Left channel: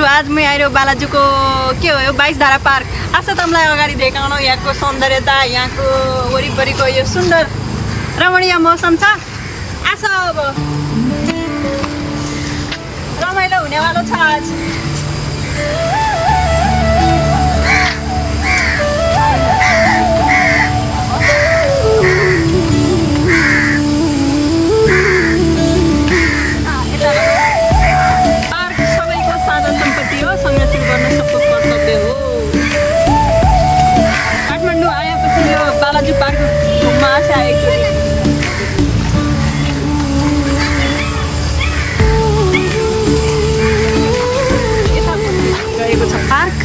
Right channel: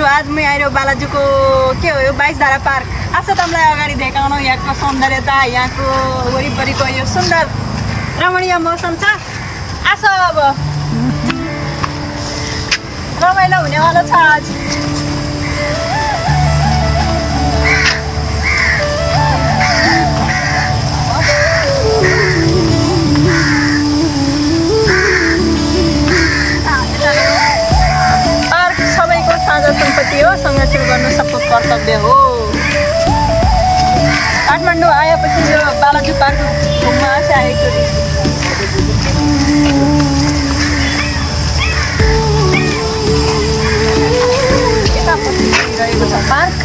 साथीहरु आज म आइरो बालाजुको के हो यो 22 धारा पार्क आशा तमलाई अगाडि देखाउन यहाँको सौन्दर्यता यहाँको वरिपरिको यो सुन्दर रमणीय मौसम छ आशा अब रमाइलो हुनेवाला छ आज सम्पत्ति हो संरक्षण गर्न सबको कर्तव्य हो काठमाडौँ आएपछि यो बालाजु पार्क घुम्न आशा आएको रहेको छ पार्क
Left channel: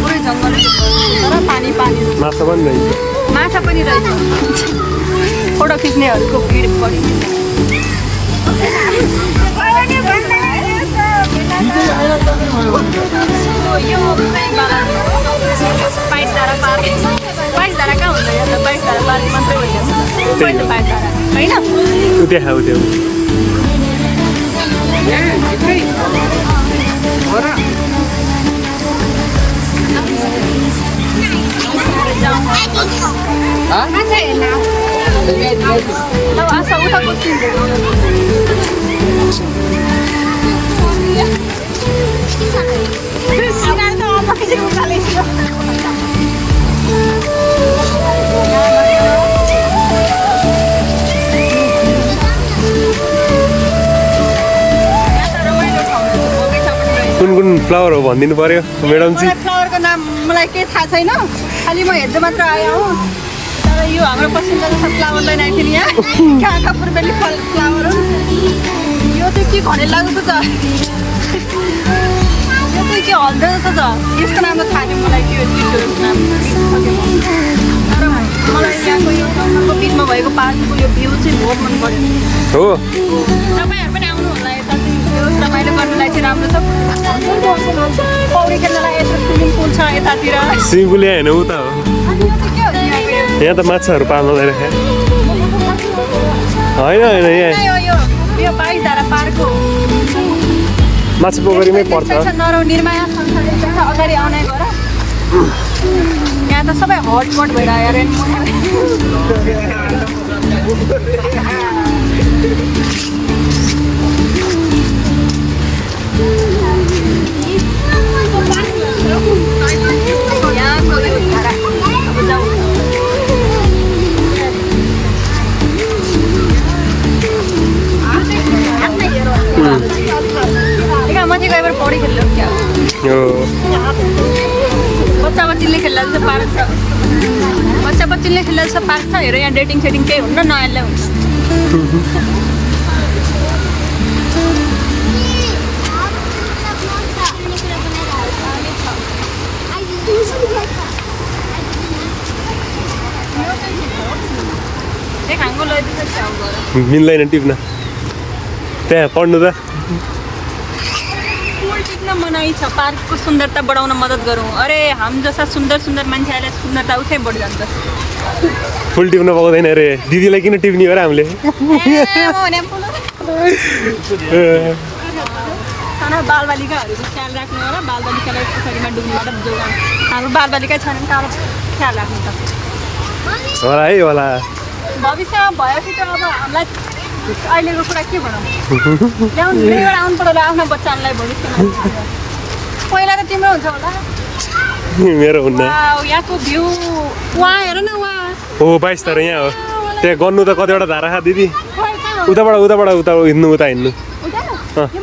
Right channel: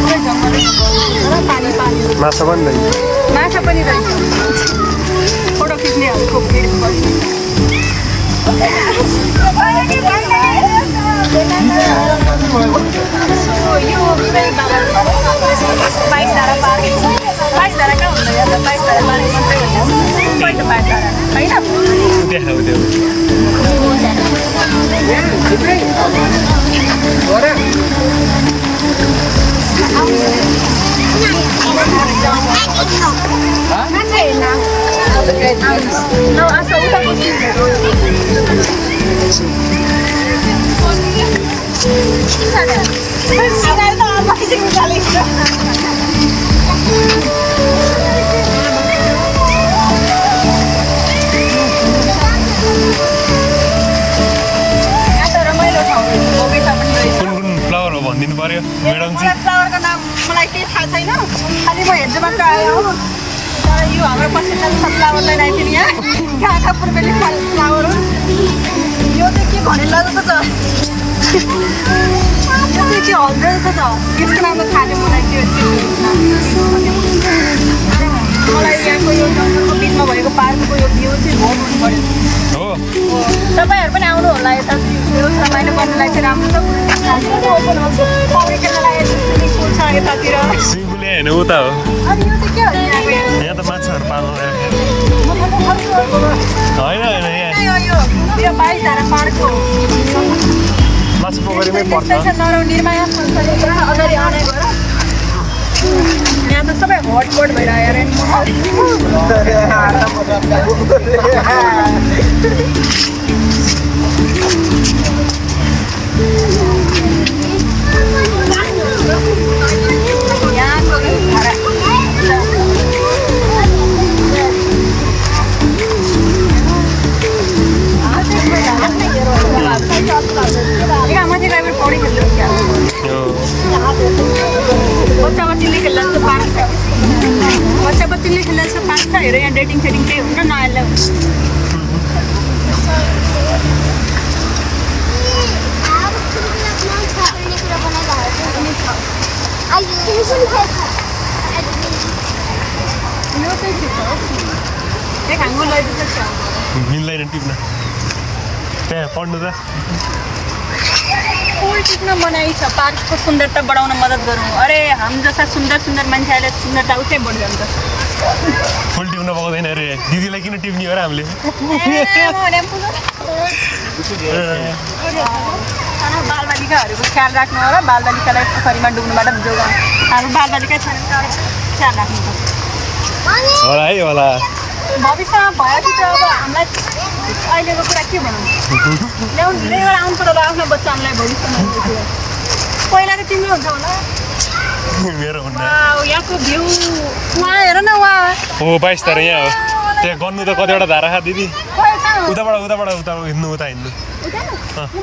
पुरै जङ्गलै जङ्गल पानी पानी माछा पनि रहेछ फोटो खिच्नेहरूको भिड बढी यो 22 धारा पार्क 22 धारा कहाँ हुन्छ 22 धारा पार्क मात्रै भन्छ पहिलो 22 धारा होइन Não, essa outra coisa. कुन फ्लावर हो भनिदिनु पर्यो म्याडम जी फ्लावरको नाम मलाई केही थाहा छैन खालि म हेर्दै मात्र आएँ हो यो हाम्रो पश्चिमको फ्लावरलाई राखेर यहाँ कहाँ पूर्वेली फ्लावर हो यो चाहिँ के भने लाग्दो छ यो चाहिँ हल्दो रहेछ त यसको नाम त थाहा छैन मलाई के मलाई यहाँको यो गाउँको बिचमा भएको पार्कको यो भ्यू चाहिँ बहुत मन पर्यो हो तपाईँहरू पनि आउनु होला यता चाहिँ रमाइलो गर्नलाई चाहिँ राम्रो छ पौडी खेल्नलाई स्विमिङ छ यतातिर स्विमिङ पुल यहाँ होइन उता हो अनि यो चाहिँ के हो यहाँ त माछाहरू पाल्नु होइन यहाँ यो 22 धारा पार्क हो माछा पोखरीमै पर्छ नरौ निर्माया संस्थानभित्र अगाडि आउने गर यहाँ त सबै हटपट भइरहेको बच्चा-बच्चीले खेल्दा जस्तो पार्क छ हेर यहाँ डेटिङ फेटिङ केही हुन्न नआएला हुन्छ मिल्दैन टिप्न त्यहाँ पढ्नु त फुल टिप्न मनाइ छ पार्कको सुन्दरता बढाउन मद्दत गरौँ अरे हामी जस्ता सुन्दर सुन्दर मान्छेहरूले सुन्दरता उठै बढी जान्छ फुल टिप्न पाउँदैन अरे दिदीलाई किन टिप्ने हो र हामीले बालबालिकाहरूको ख्याल राख्नु होला बालबालिकालाई पोखरीमा डुब्नुबाट जोगाउँ हाम्रो बालबालिका छैन ख्याल राख्नु त होला है होला भविष्यमा भयो कि त अब हामीलाई अहिलेको कुरा के भनौँ ल्याएर आउनु पर्ला आफ्नो बच्चाहरूलाई भविष्यमा पहिला त तिम्रो हुन्छ होला मेरो हुन्न यहाँको भ्यू वहाँ हेर न वहाँ हो 22 धारा यहाँ हो त्यहाँ गर्नु त कतिवटा धारा खा दिदी उताबाट हिँड्नु उता हिँड्नु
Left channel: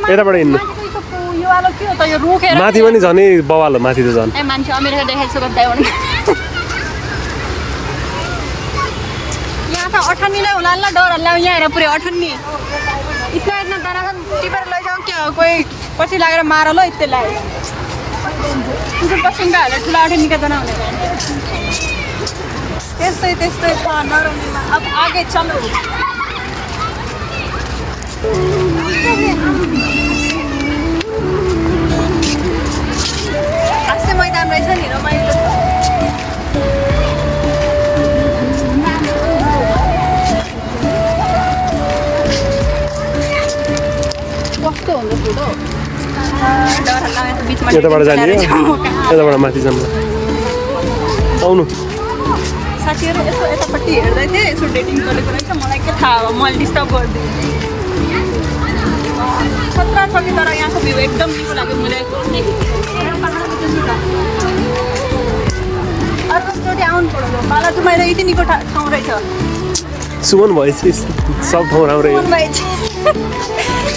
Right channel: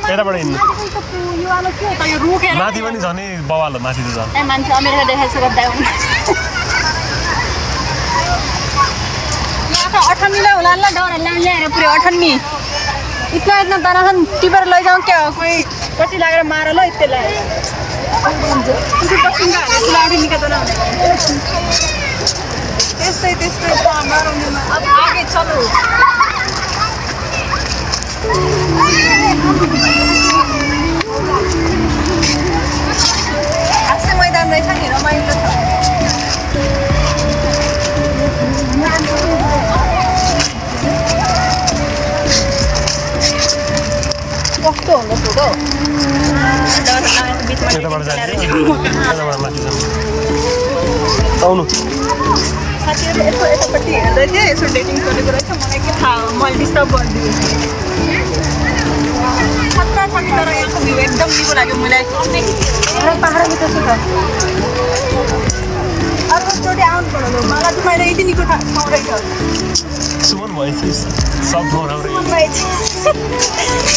यताबाट हिँड्नु माथि पनि झनै बवाल हो माथि त झन् मान्छे अमेरिका देखाइसक्यो गर्दै हो यहाँ त 98 होला ल डर ल्याउँ यहाँ हेर पुरै 98 इतना दराхан टिपेर लैजाउँ क्या हो कोही पछि लागेर मार ल यस्तै लाग्यो पसिङ्गाहरू ठुलाहरू निकाल्दैन त्यस्तै अब आगे चलो हाँस्ने मैदान रहेछ नि रमाइलो कस्तो हुन्छ फोटो यताबाट जाने हो यताबाट माथि जानु आउनु साथीहरू यसो एकपट्टि हेर्दै थिएँ यसो डेटिङ गरेको रहेछ मलाई के थाहा हो मैले डिस्टर्ब गरिदिएँ खतरा छ कि तर यहाँको भ्यू एकदम निको लाग्यो मलाई र पाहाडको त्यसो छ अर्कोचोटि आउनु पर्यो मलाई त मैले यति निको ठाउँ रहेछ सुमन भएछ कि सब ठाउँ राम्रै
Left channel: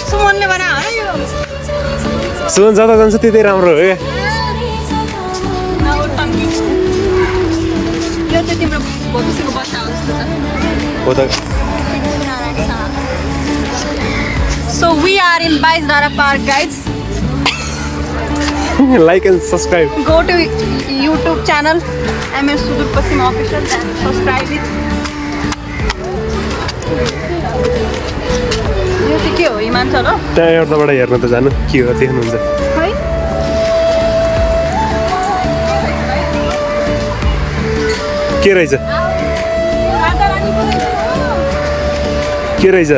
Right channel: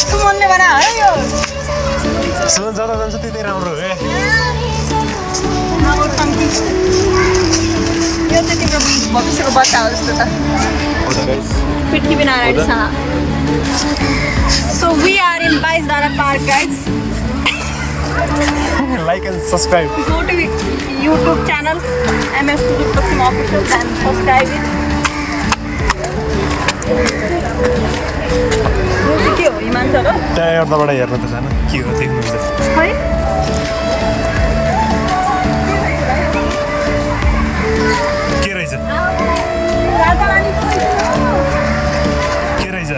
सुमनले बना है यो सुमन जता जान्छ त्यतै राम्रो हो यो चाहिँ तिम्रो भविष्यको बच्चा हो जस्तो त पृथ्वीनारायणसँग So we are in Baisdara Park, guys. Like and subscribe. Go to YouTube channel MS Sudur Pasim Official and subscribe it. के हो इमान छ र त्यहाँ यताबाट हेर्न त जानु के हो देख्नुहुन्छ है के रहेछ के रहेछ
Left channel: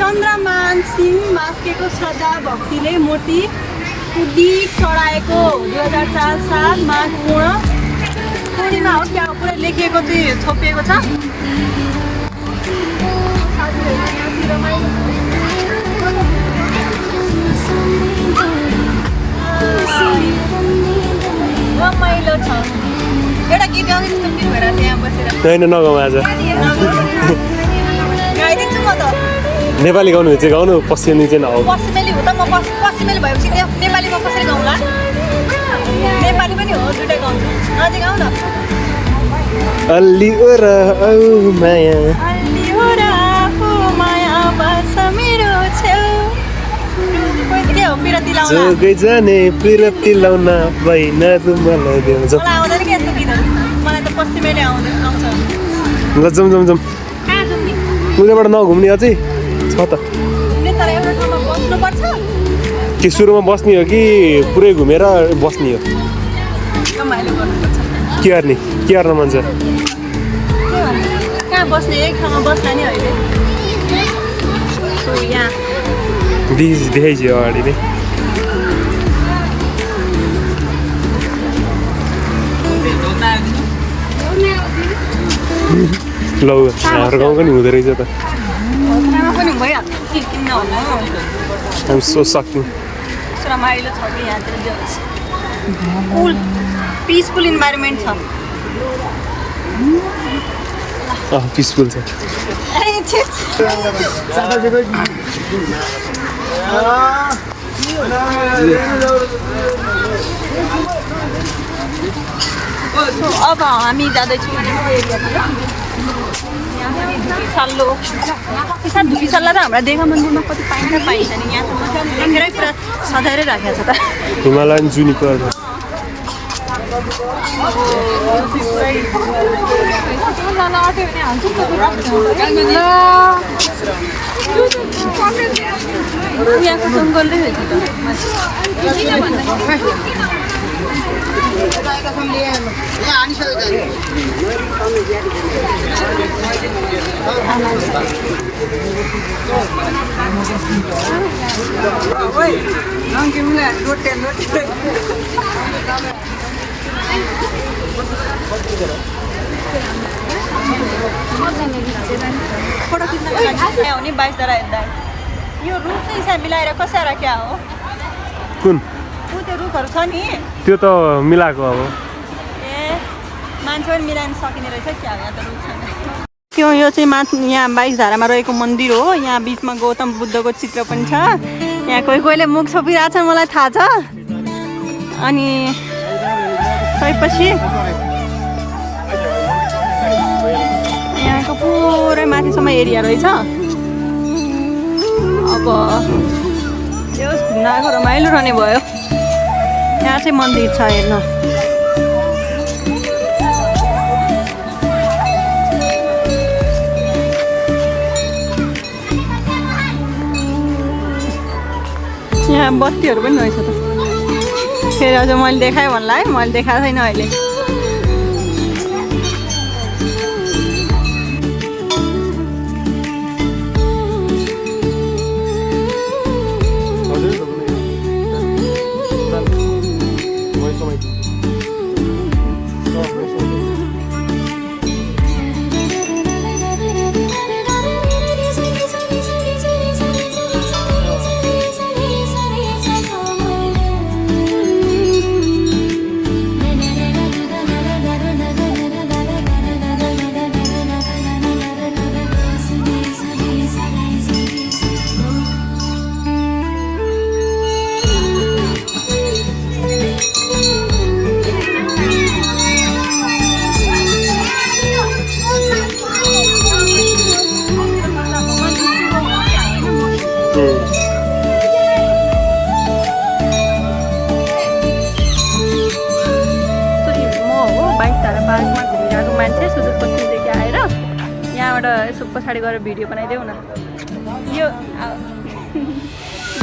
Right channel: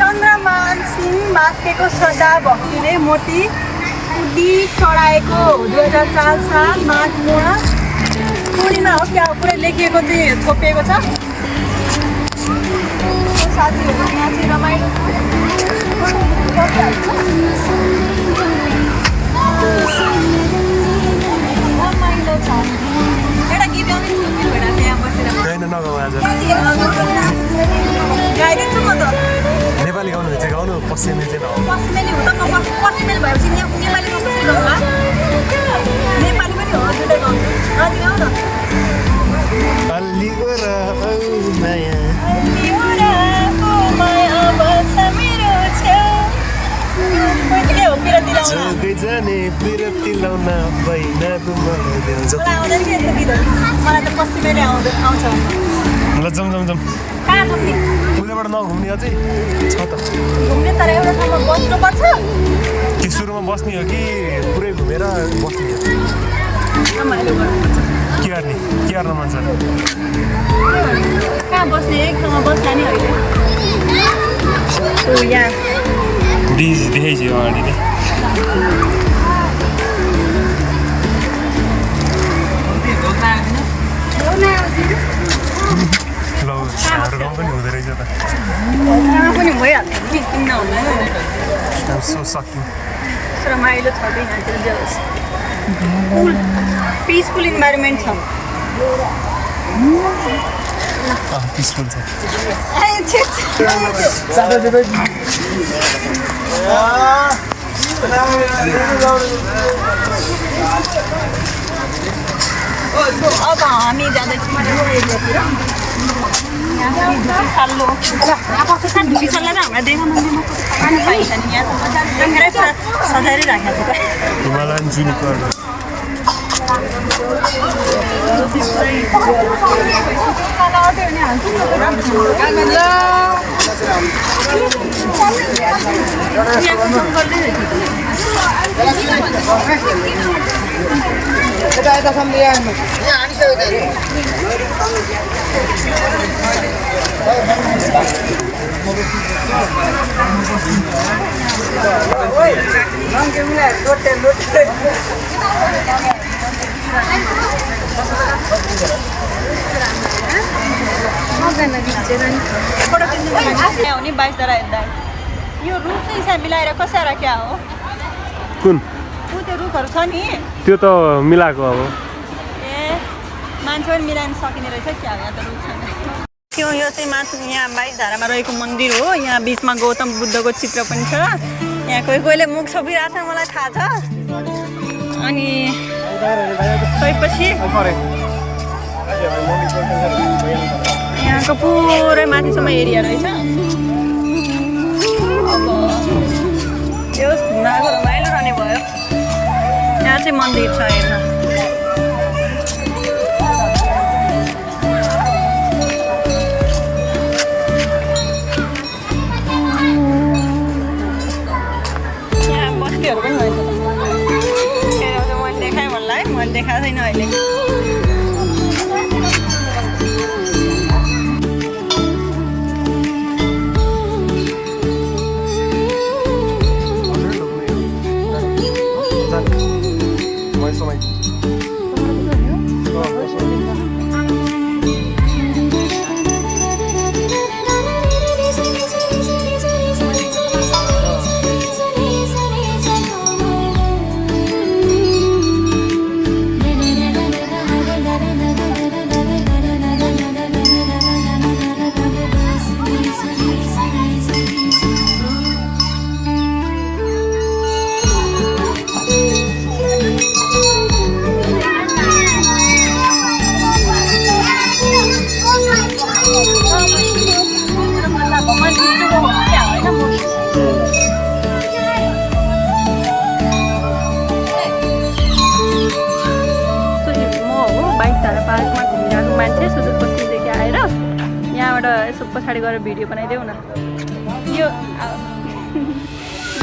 चन्द्रमान सिंह मास्केको श्रद्धा भक्तिले मूर्ति कुदी चढाएको 2004 साल माघमा पूर्णिमा हो त्यहाँ पुरै लेखिएको चाहिँ छोपिएको छ साथीहरू यहाँ चाहिँ रमाइलो रमाइलो छ एउटा गीत गाउने भएर त्यहाँ बसेर होइन नगाउँ आज गाइदिन्छु म त नेपाली गाउनु चाहिँ गाउनु पश्चिमी चाहिँ नगाउँ पश्चिमेली हो त म पश्चिमेली भएपछि नेपाली गाउँ कसरी गाउँला नेपाली पनि हो दुइटै गाउँछु अझै गाउँ न अलि ओरा औ माया के हो पिरती लाउन जोगै जाने पिरती लाउन भइन मलाई देउँछ मलाई आउँदैन के यस्तो गीतहरू मलाई त पश्चिमेली आउँछ ल जाउँ जाउँ जाउँ कहाँ जाउने उताबाट नघुम्ने अझै छ त घुम्ने तर एउटा ठाउँमा बस्नुपर्छ कि सुरुमा बस्ने हो कि पुरै घुमेर बस्ने हो रमाइलो गर्नुपर्छ के गर्ने मन छ कहाँ बस्ने एक ठाउँमा बस्दा नि होइन यहाँ ब्रिज देखाइछु अगाडि नै ल हाम्रो गाउँ पनि हुँदो रहेछ त यहाँ पनि भइहाल्छ नि किन नहुनु सो सक्नु रमाइलो छ कि यहाँतिर जे होस् कुल पिसफुल इन्भाइरोमेन्ट छ पिसफुल छ अब हामी जाँदैछौँ धुपीसल्ला त हाम्रा देखा मन्दिरमा कति पाइन्छ नि यहाँ त मजाले लेखेरै पुरा सजाएरै राखेको छ त हिमालयन जुनिपर यहाँको जङ्गलले हो नि बाइसद्वारा हेर्दा यो रुख चाहिँ हिसाब मिलाएर कसाएर क्या हो कुन त्यो रुखहरू छ नि त्यो त मिलाएको अब ए मान्छे पनि मिलाउन सकिने रहेछ क्या यहाँ त रुख छैन यो चाहिँ माथि यहाँ बाइसधारामा रहेको मन्दिर हो यहाँ बिचमा गौतम बुद्धको चित्र पनि छ यहाँ कोहीले मुख छोपिरहेको छ मलाई थाहा छ अनि त्यसपछि यहाँको पुरै माथिसम्म एरिया रहेछ अब यो घुम्नको रमाइलो रहने भयो यहाँ चाहिँ मन्दिर छ हेर्न यहाँ बस्तीहरू पनि रहेछ फेरि अझ मैले देखाएँ भन्ला है मैले देखाएको छैन अहिले यसो पछाडि गएर भिडियो बनाइदेऊ न यो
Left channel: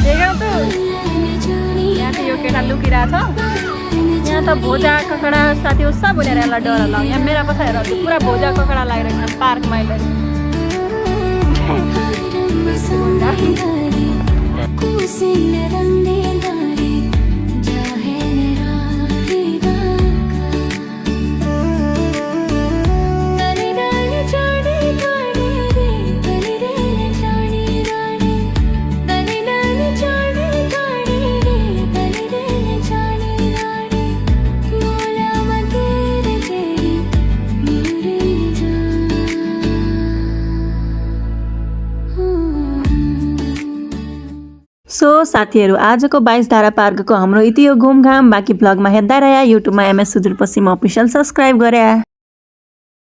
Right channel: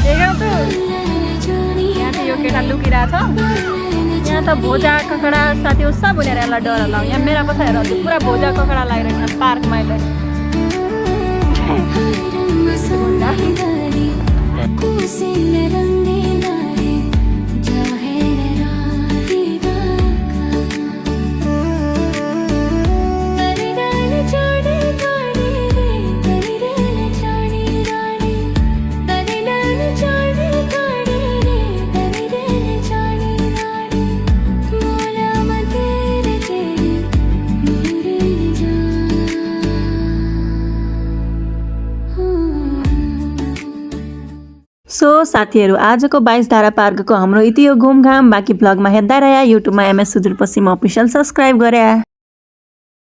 देख्यौ त यहाँ चाहिँ यो केटा लुकिरहेछ यहाँ त भोजा ककडा साथी हो सब भनेर यसलाई डर लाउँ यहाँ मेरा पछाडि हेर पुरा भोजा ककडा लागिरहेको छ पार्कमा अहिले सो साथीहरू आजको 22 धारा पार्कको हाम्रो यति हो घुमघाम बाँकी भ्लगमा हेर्दा रह्या युट्युबमा MS सुदूरपश्चिम अफिसियल सब्सक्राइब गरे।